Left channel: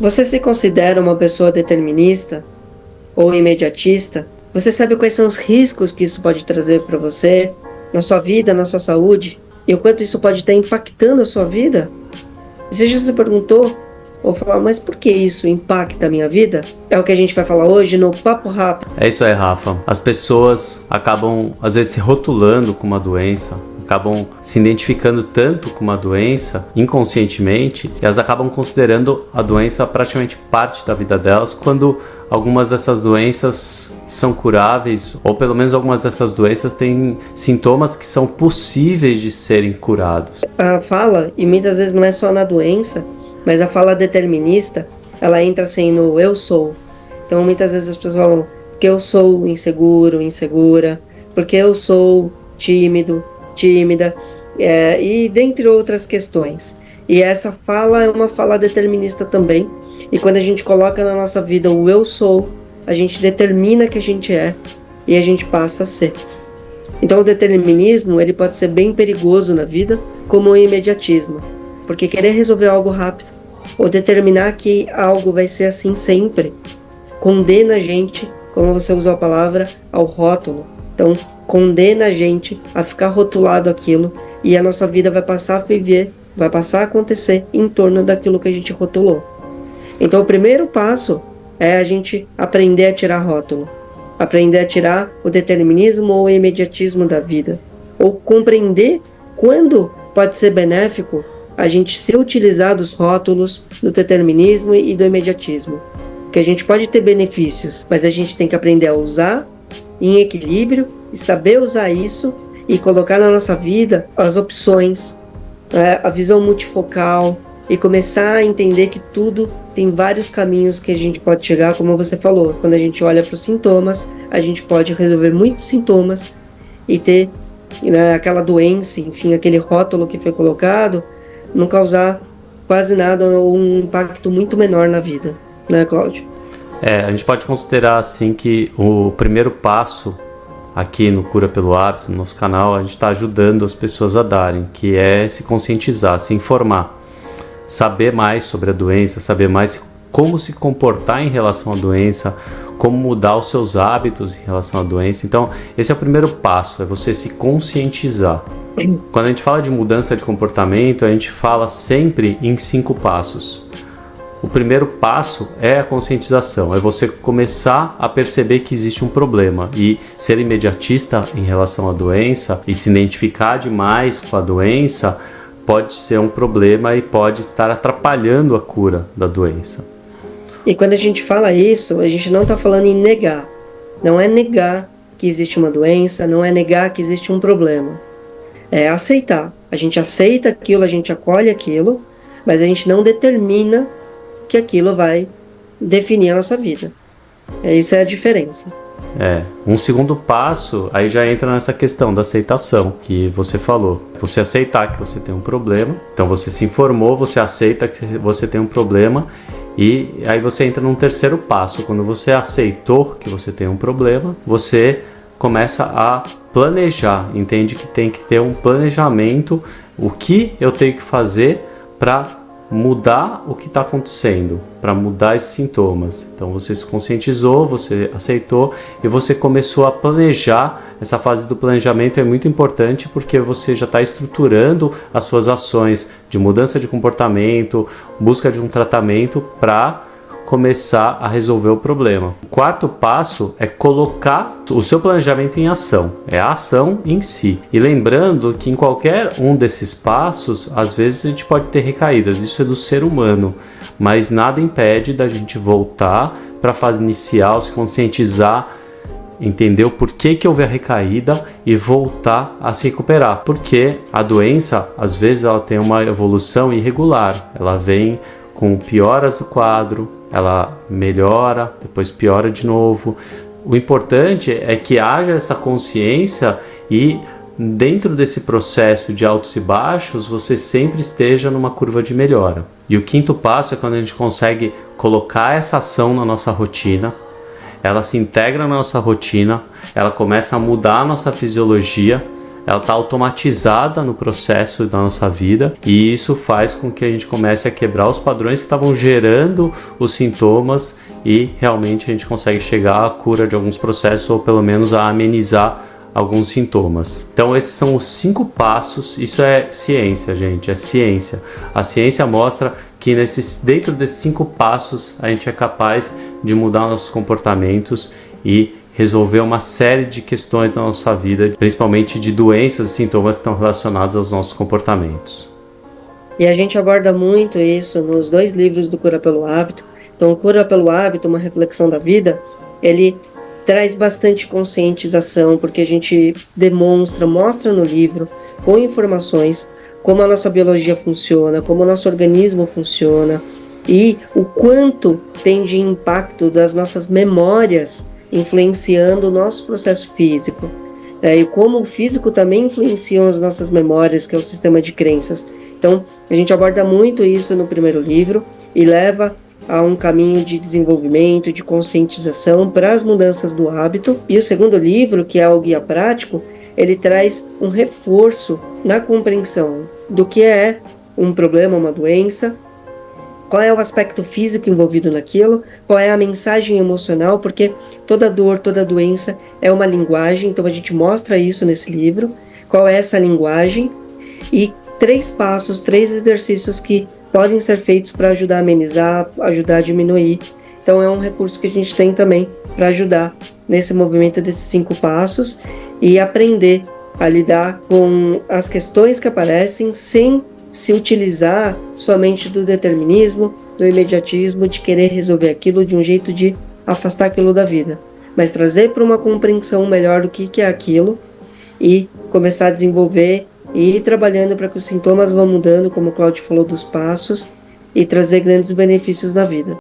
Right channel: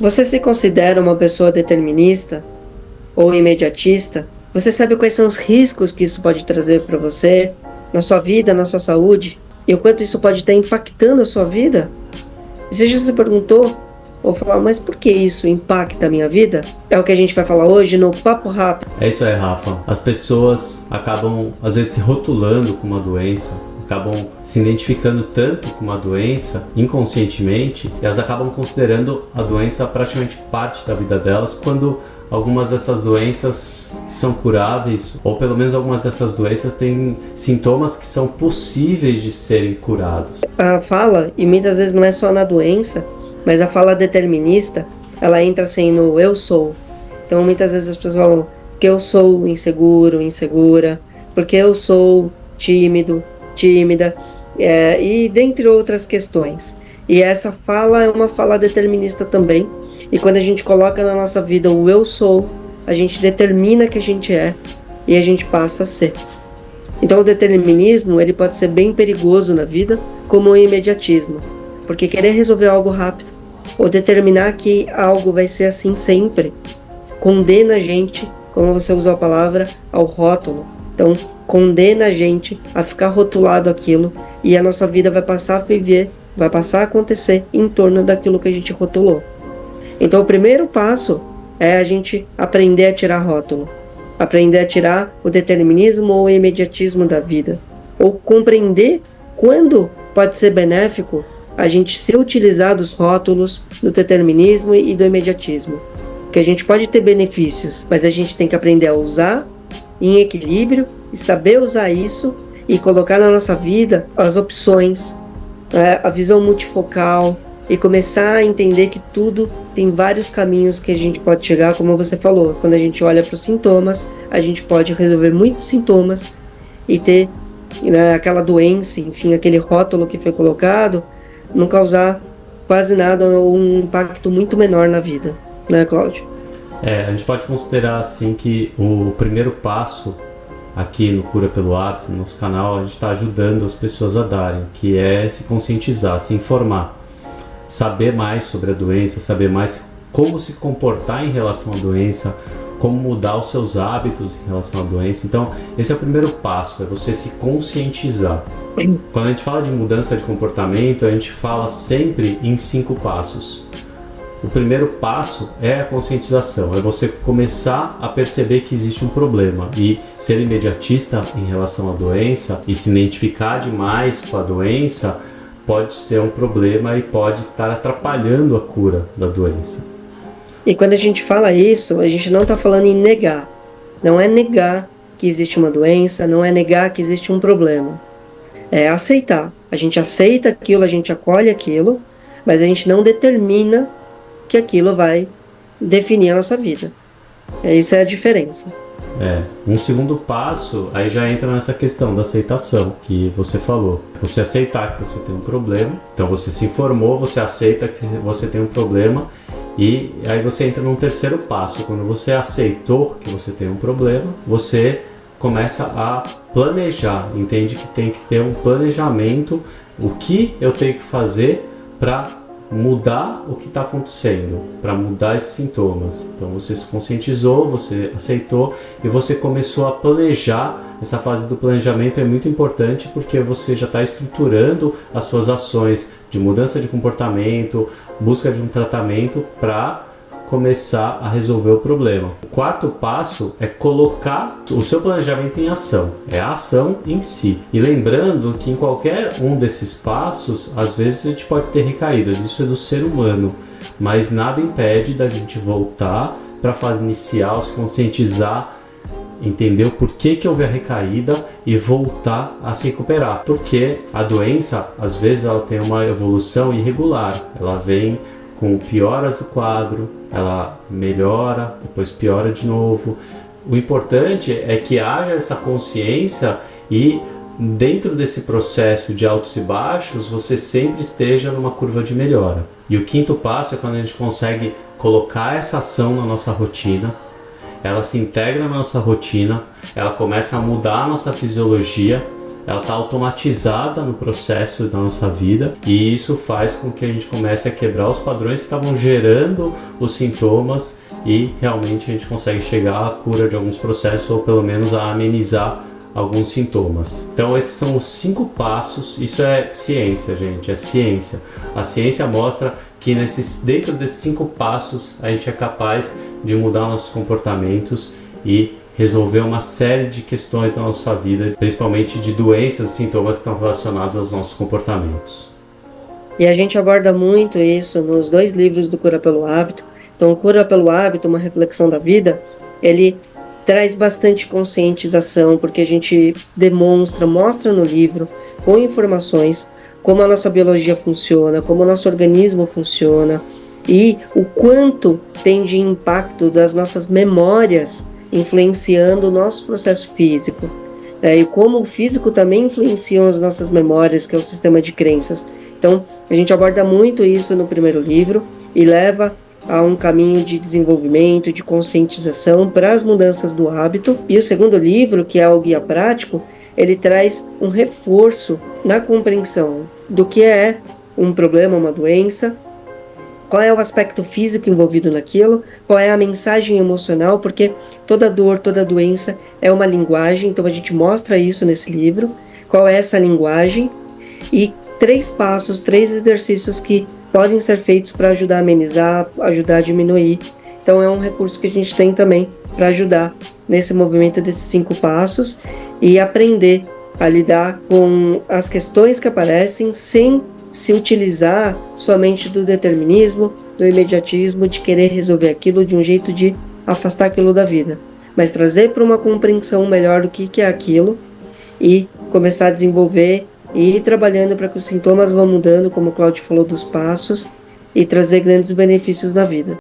Você se considera uma pessoa determinista ou imediatista? Você sabe quais são os riscos que isso pode trazer para você, na sua vida, na sua saúde? E o quanto isso pode estar impactando a sua vida? E você já se perguntou, ou falar, mas por que isso impacta a minha vida? É o que a gente vai falar hoje no Papo Rápido. É isso aí, Rafa. As pessoas acabam, às vezes, se rotulando com uma doença, acabam se identificando tanto com uma doença inconscientemente, que elas acabam considerando a doença praticamente parte da vida delas, quando algumas dessas doenças são curáveis, ou pelo menos algumas dessas doenças têm sintomas que são possíveis de serem curados. A fala, e muitas vezes não é só na doença, mas a fala determinista, ela entra assim no eu sou. Então muitas vezes as pessoas falam que eu sou inseguro, insegura, porque eu sou tímido, tímida, e dentre outras questões. E essa fala é uma fala determinista também. E quando a gente coloca na nossa vida o eu sou, a gente determina que a gente é e a gente passa a ser. Então o determinismo, ele pode ser bem perigoso na vida, como o imediatismo, porque querer resolver algo rápido ou determinar que algo vai ser assim sempre condena a gente, como você usou a palavra, ao rótulo. Então condena a gente a ficar rotulado aquilo e a nossa vida vai passar a viver, vai passar a acontecer em torno daquilo que a gente rotulou. Então o primeiro passo é a gente aprender a tirar rótulo, aprender a tirar o determinismo ou o imediatismo da vida, ou compreender quando pode ser benéfico a gente se utilizar dos rótulos, do determinismo e do imediatismo. Porque a gente pode ter benefícios, mas a gente tem que aprender a usar em equilíbrio e saber usar isso e colocar na nossa vida as opções, a visão multifocal e começar a entender que tudo tem vários caminhos que a gente pode chegar, como você falou. Quando a gente olha para os sintomas, a gente pode resolver muitos sintomas e ter, né, aquela doença, enfim, aquele rótulo que foi colocado, não causar quase nada ou um impacto muito menor na vida, né, Cláudio? A gente pode considerar assim que o primeiro passo aqui no Cura pelo Hábito, no nosso canal, a gente está ajudando as pessoas a darem, que é se conscientizar, se informar, saber mais sobre a doença, saber mais como se comportar em relação à doença, como mudar os seus hábitos em relação à doença. Então, esse é o primeiro passo, é você se conscientizar. Quando a gente fala de mudança de comportamento, a gente fala sempre em 5 passos. O primeiro passo é a conscientização, é você começar a perceber que existe um problema e ser imediatista em relação à doença e se identificar demais com a doença pode ser um problema e pode estar atrapalhando a cura da doença. E quando a gente fala isso, a gente não está falando em negar. Não é negar que existe uma doença, não é negar que existe um problema. É aceitar. A gente aceita aquilo, a gente acolhe aquilo, mas a gente não determina que aquilo vai definir a nossa vida. Essa é a diferença. Um segundo passo, aí já entra nessa questão da aceitação que você falou. Você aceitar que você tem um problema, então você se informou, você aceita que você tem um problema e aí você entra num terceiro passo. Quando você aceitou que você tem um problema, você começa a planejar, entende que tem que ter um planejamento, o que eu tenho que fazer para mudar o que está acontecendo, para mudar esses sintomas. Então você se conscientizou, você aceitou e você começou a planejar. Essa fase do planejamento é muito importante porque você já está estruturando as suas ações de mudança de comportamento, busca de um tratamento para começar a resolver o problema. O quarto passo é colocar o seu planejamento em ação, é a ação em si. E lembrando que em qualquer um desses passos, às vezes a gente pode ter recaídas, isso é do ser humano, mas nada impede da gente voltar para a fase inicial, se conscientizar, entender o porquê que houve a recaída e voltar a se recuperar. Porque a doença, às vezes, ela tem uma evolução irregular, ela vem com pioras do quadro, ela melhora, depois piora de novo. O importante é que haja essa consciência e dentro desse processo de altos e baixos, você sempre esteja numa curva de melhora. E o quinto passo é quando a gente consegue colocar essa ação na nossa rotina, ela se integra na nossa rotina, ela começa a mudar a nossa fisiologia, ela está automatizada no processo da nossa vida, e isso faz com que a gente comece a quebrar os padrões que estavam gerando os sintomas, e realmente a gente consegue chegar à cura de alguns processos, ou pelo menos a amenizar alguns sintomas. Então esses são os 5 passos. Isso é ciência, gente, é ciência. A ciência mostra que dentro desses 5 passos a gente é capaz de mudar nossos comportamentos e resolver uma série de questões da nossa vida, principalmente de doenças e sintomas que estão relacionados aos nossos comportamentos. E a gente aborda muito isso nos 2 livros do Cura pelo Hábito. Então, o Cura pelo Hábito, uma reflexão da vida, ele traz bastante conscientização, porque a gente mostra no livro, com informações, como a nossa biologia funciona, como o nosso organismo funciona, e o quanto tem de impacto das nossas memórias influenciando o nosso processo físico. E como o físico também influencia as nossas memórias, que é o sistema de crenças. Então, a gente aborda muito isso no primeiro livro e leva a um caminho de desenvolvimento, de conscientização para as mudanças do hábito. E o segundo livro, que é o Guia Prático, ele traz um reforço na compreensão do que é um problema, uma doença, qual é o aspecto físico envolvido naquilo, qual é a mensagem emocional, porque toda dor, toda doença é uma linguagem, então a gente mostra isso nesse livro, qual é essa linguagem, e 3 passos, 3 exercícios que podem ser feitos para ajudar a amenizar, ajudar a diminuir. Então é um recurso que a gente tem também para ajudar nesse movimento desses 5 passos e aprender a lidar com as questões que aparecem sem se utilizar somente do determinismo, do imediatismo, de querer resolver aquilo de um jeito de afastar aquilo da vida, mas trazer para uma compreensão melhor do que é aquilo e começar a desenvolver e ir trabalhando para que os sintomas vão mudando, como o Cláudio falou dos passos, e trazer grandes benefícios na vida.